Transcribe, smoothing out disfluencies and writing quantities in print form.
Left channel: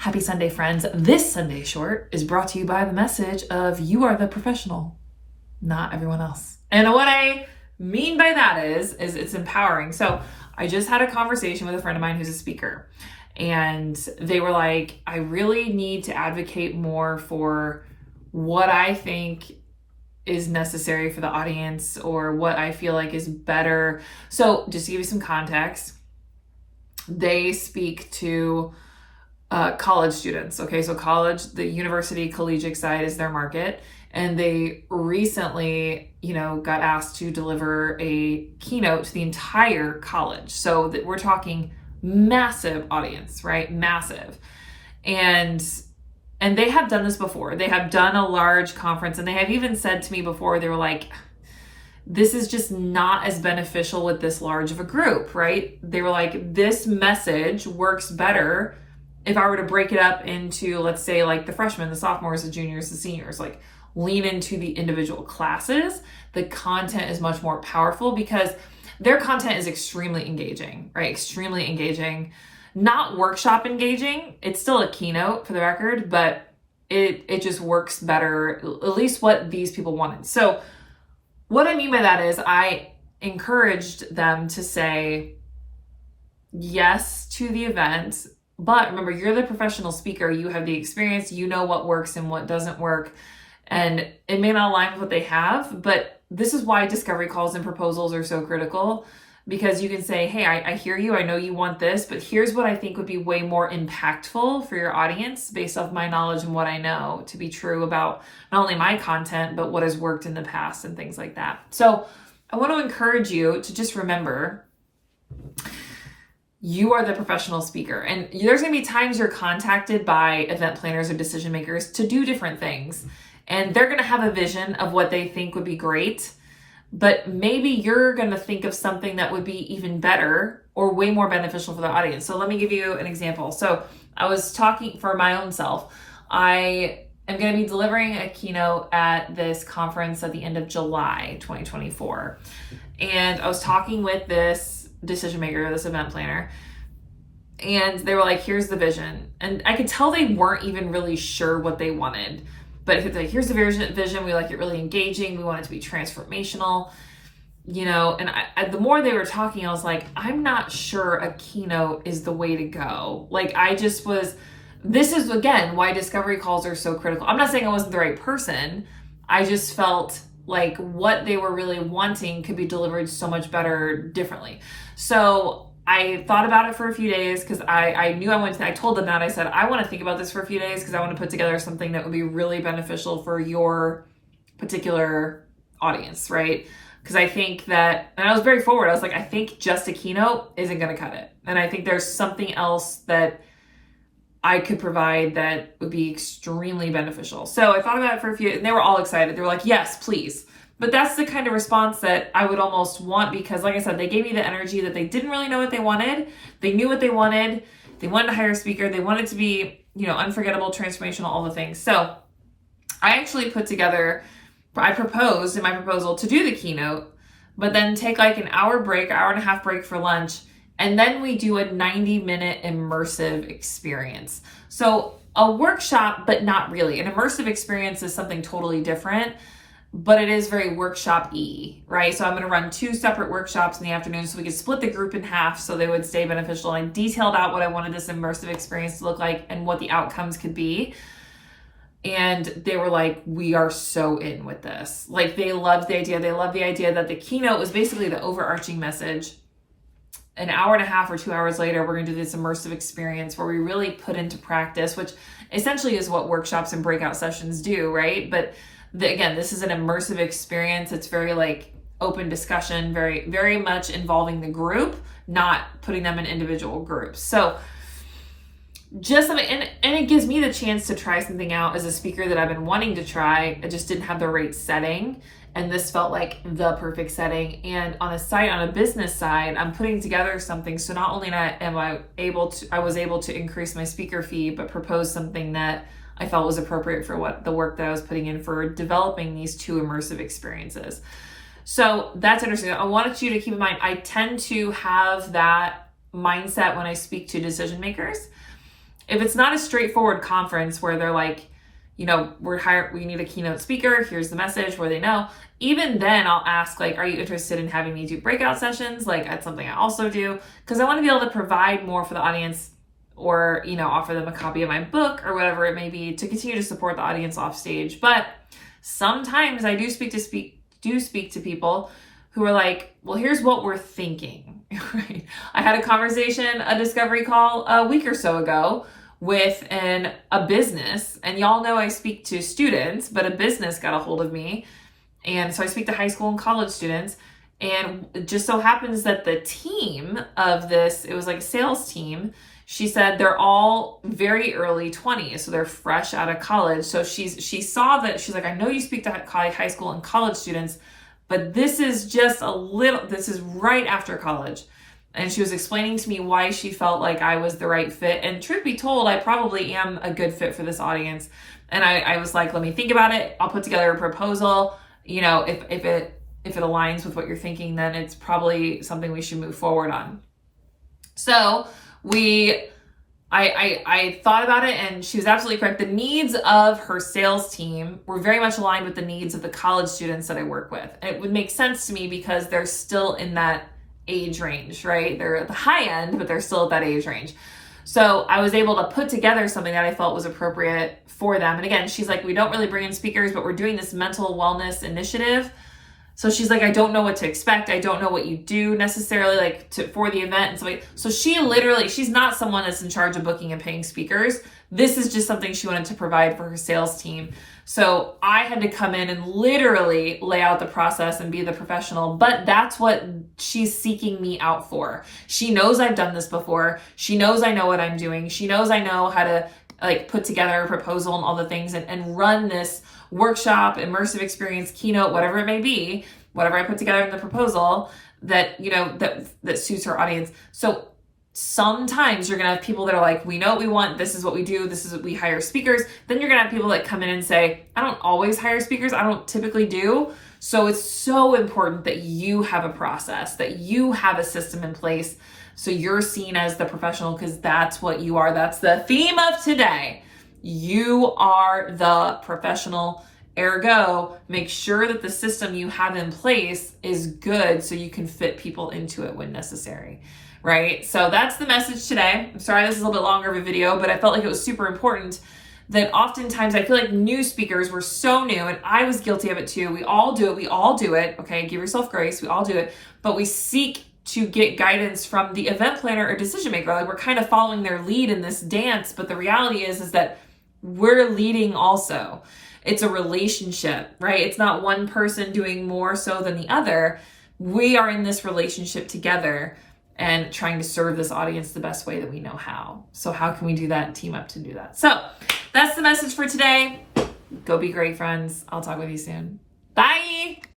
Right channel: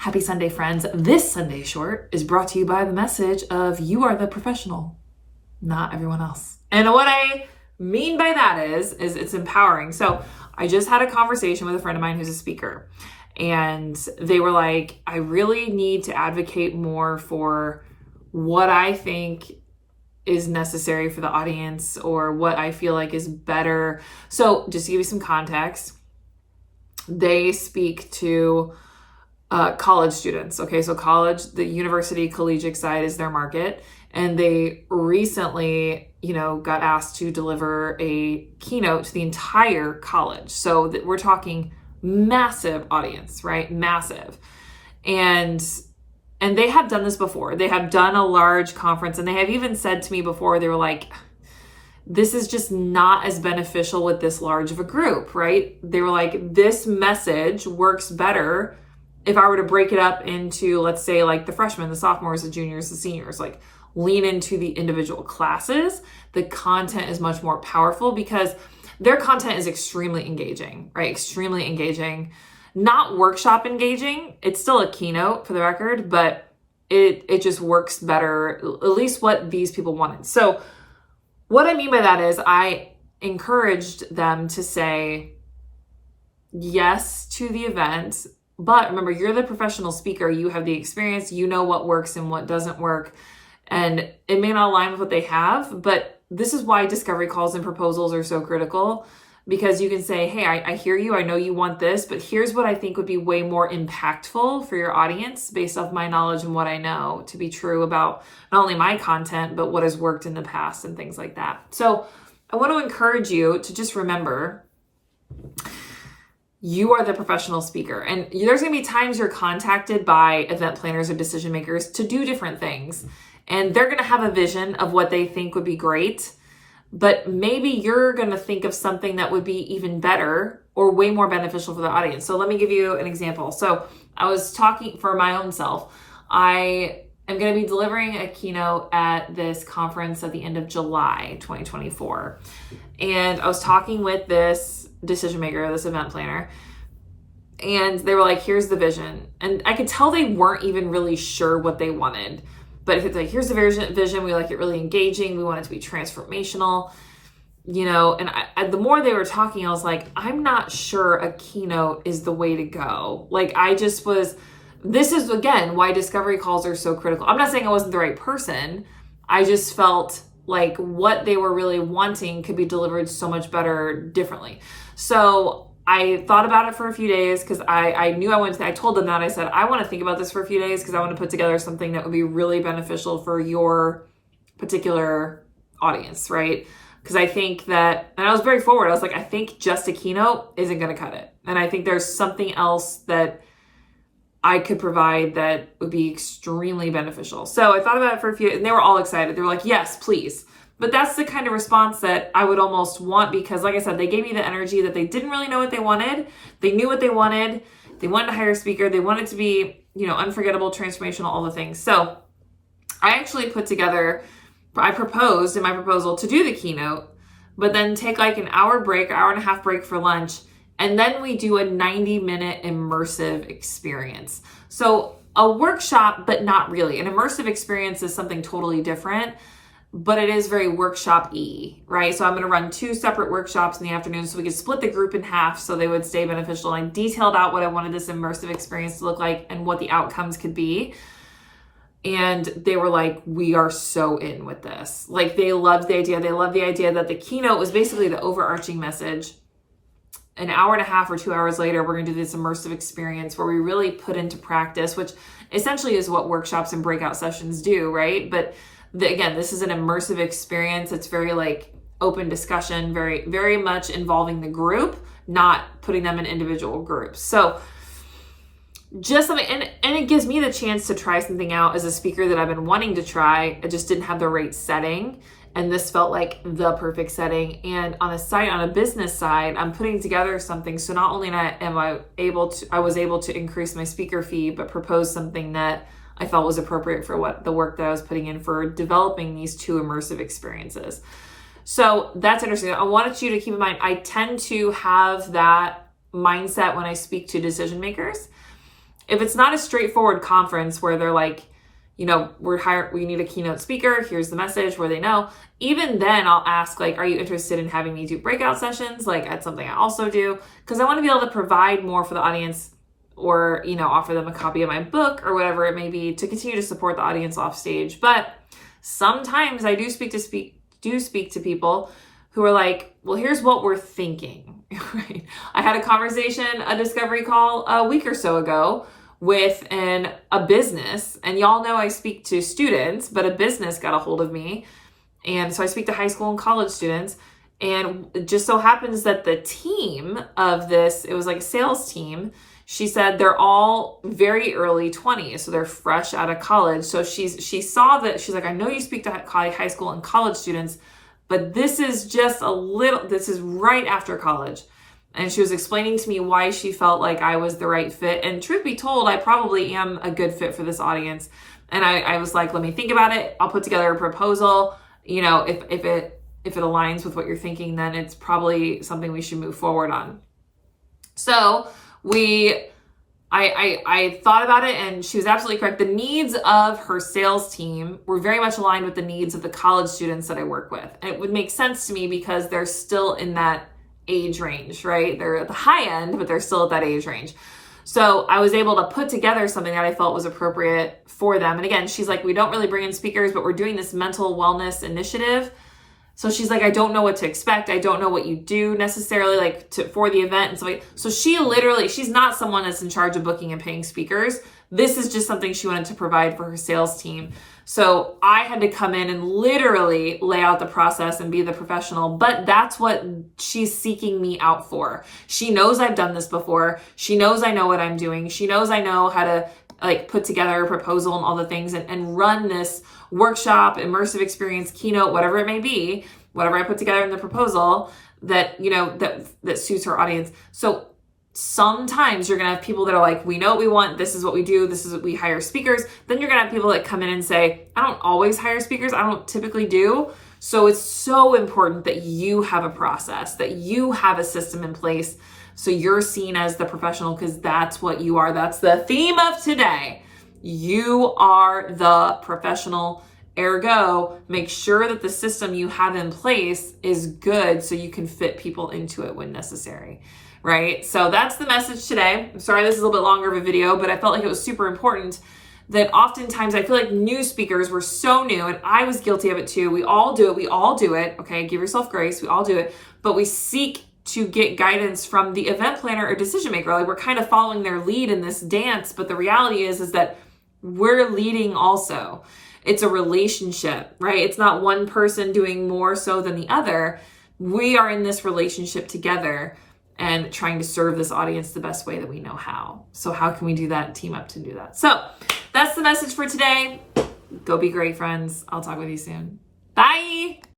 Happy Sunday, friends. This Sunday short is brought to you by the message of you are the professional, not everyone else. And what I mean by that is it's empowering. So I just had a conversation with a friend of mine who's a speaker, and they were like, I really need to advocate more for what I think is necessary for the audience or what I feel like is better. So just to give you some context, they speak to college students. Okay, so college, the university collegiate side is their market. And they recently, got asked to deliver a keynote to the entire college. So that we're talking massive audience, right? Massive. And they have done this before. They have done a large conference, and they have even said to me before, they were like, this is just not as beneficial with this large of a group, right? They were like, this message works better if I were to break it up into, let's say, like the freshmen, the sophomores, the juniors, the seniors, like lean into the individual classes. The content is much more powerful because their content is extremely engaging, right? Extremely engaging, not workshop engaging. It's still a keynote for the record, but it just works better, at least what these people wanted. So what I mean by that is I encouraged them to say yes to the event. But remember, you're the professional speaker. You have the experience. You know what works and what doesn't work. And it may not align with what they have, but this is why discovery calls and proposals are so critical, because you can say, hey, I hear you. I know you want this, but here's what I think would be way more impactful for your audience based off my knowledge and what I know to be true about not only my content, but what has worked in the past and things like that. So I want to encourage you to just remember, you are the professional speaker, and there's going to be times you're contacted by event planners or decision makers to do different things, and they're going to have a vision of what they think would be great, but maybe you're going to think of something that would be even better or way more beneficial for the audience. So let me give you an example. So I was talking for my own self. I am going to be delivering a keynote at this conference at the end of July 2024. And I was talking with this decision maker, this event planner, and they were like, here's the vision. And I could tell they weren't even really sure what they wanted. But if it's like, here's the vision, we like it really engaging, we want it to be transformational, and the more they were talking, I was like, I'm not sure a keynote is the way to go. Like, this is, again, why discovery calls are so critical. I'm not saying I wasn't the right person. I just felt like what they were really wanting could be delivered so much better differently. So I thought about it for a few days because I knew I told them that. I said, I want to think about this for a few days because I want to put together something that would be really beneficial for your particular audience, right? Because I think that, and I was very forward. I was like, I think just a keynote isn't going to cut it. And I think there's something else that I could provide that would be extremely beneficial. So I thought about it for a few, and they were all excited. They were like, yes, please. But that's the kind of response that I would almost want, because like I said, they gave me the energy that they didn't really know what they wanted. They knew what they wanted. They wanted to hire a speaker. They wanted to be, unforgettable, transformational, all the things. So I actually I proposed in my proposal to do the keynote, but then take like an hour and a half break for lunch. And then we do a 90-minute immersive experience. So a workshop, but not really. An immersive experience is something totally different, but it is very workshop-y, right? So I'm going to run 2 separate workshops in the afternoon so we could split the group in half so they would stay beneficial. I detailed out what I wanted this immersive experience to look like and what the outcomes could be. And they were like, we are so in with this. Like, they loved the idea. They loved the idea that the keynote was basically the overarching message. An hour and a half or 2 hours later, we're going to do this immersive experience where we really put into practice, which essentially is what workshops and breakout sessions do, right? But again, this is an immersive experience. It's very like open discussion, very, very much involving the group, not putting them in individual groups. So just something, and it gives me the chance to try something out as a speaker that I've been wanting to try. I just didn't have the right setting. And this felt like the perfect setting. And on a business side, I'm putting together something. So not only I was able to increase my speaker fee, but propose something that I felt was appropriate for what the work that I was putting in for developing these 2 immersive experiences. So that's interesting. I wanted you to keep in mind, I tend to have that mindset when I speak to decision makers. If it's not a straightforward conference where they're like, you know, we need a keynote speaker, here's the message, where they know, even then I'll ask, like, are you interested in having me do breakout sessions? Like, that's something I also do, because I want to be able to provide more for the audience, or, you know, offer them a copy of my book or whatever it may be to continue to support the audience off stage. But sometimes I do speak to people who are like, well, here's what we're thinking, right? I had a conversation, a discovery call a week or so ago with a business, and y'all know I speak to students, but a business got a hold of me. And so I speak to high school and college students, and it just so happens that the team of this, it was like a sales team. She said they're all very early 20s, so they're fresh out of college. So she saw that, she's like, I know you speak to high school and college students, but this is this is right after college. And she was explaining to me why she felt like I was the right fit. And truth be told, I probably am a good fit for this audience. And I was like, let me think about it. I'll put together a proposal. You know, if it aligns with what you're thinking, then it's probably something we should move forward on. So I thought about it, and she was absolutely correct. The needs of her sales team were very much aligned with the needs of the college students that I work with. And it would make sense to me because they're still in that age range, right? They're at the high end, but they're still at that age range. So I was able to put together something that I felt was appropriate for them. And again, she's like, we don't really bring in speakers, but we're doing this mental wellness initiative. So she's like, I don't know what to expect. I don't know what you do necessarily, like, for the event and stuff like that. So she's not someone that's in charge of booking and paying speakers. This is just something she wanted to provide for her sales team. So I had to come in and literally lay out the process and be the professional, but that's what she's seeking me out for. She knows I've done this before. She knows I know what I'm doing. She knows I know how to, like, put together a proposal and all the things and run this workshop, immersive experience, keynote, whatever it may be, whatever I put together in the proposal that, you know, that suits her audience. So sometimes you're going to have people that are like, we know what we want. This is what we do. This is what we hire speakers. Then you're going to have people that come in and say, I don't always hire speakers. I don't typically do. So it's so important that you have a process, that you have a system in place. So you're seen as the professional, because that's what you are. That's the theme of today. You are the professional. Ergo, make sure that the system you have in place is good so you can fit people into it when necessary, right? So that's the message today. I'm sorry this is a little bit longer of a video, but I felt like it was super important that oftentimes I feel like new speakers were so new, and I was guilty of it too. We all do it. Okay, give yourself grace. We all do it, but we seek to get guidance from the event planner or decision maker. Like, we're kind of following their lead in this dance, but the reality is that we're leading also. It's a relationship, right? It's not one person doing more so than the other. We are in this relationship together and trying to serve this audience the best way that we know how. So how can we do that and team up to do that? So that's the message for today. Go be great, friends. I'll talk with you soon. Bye.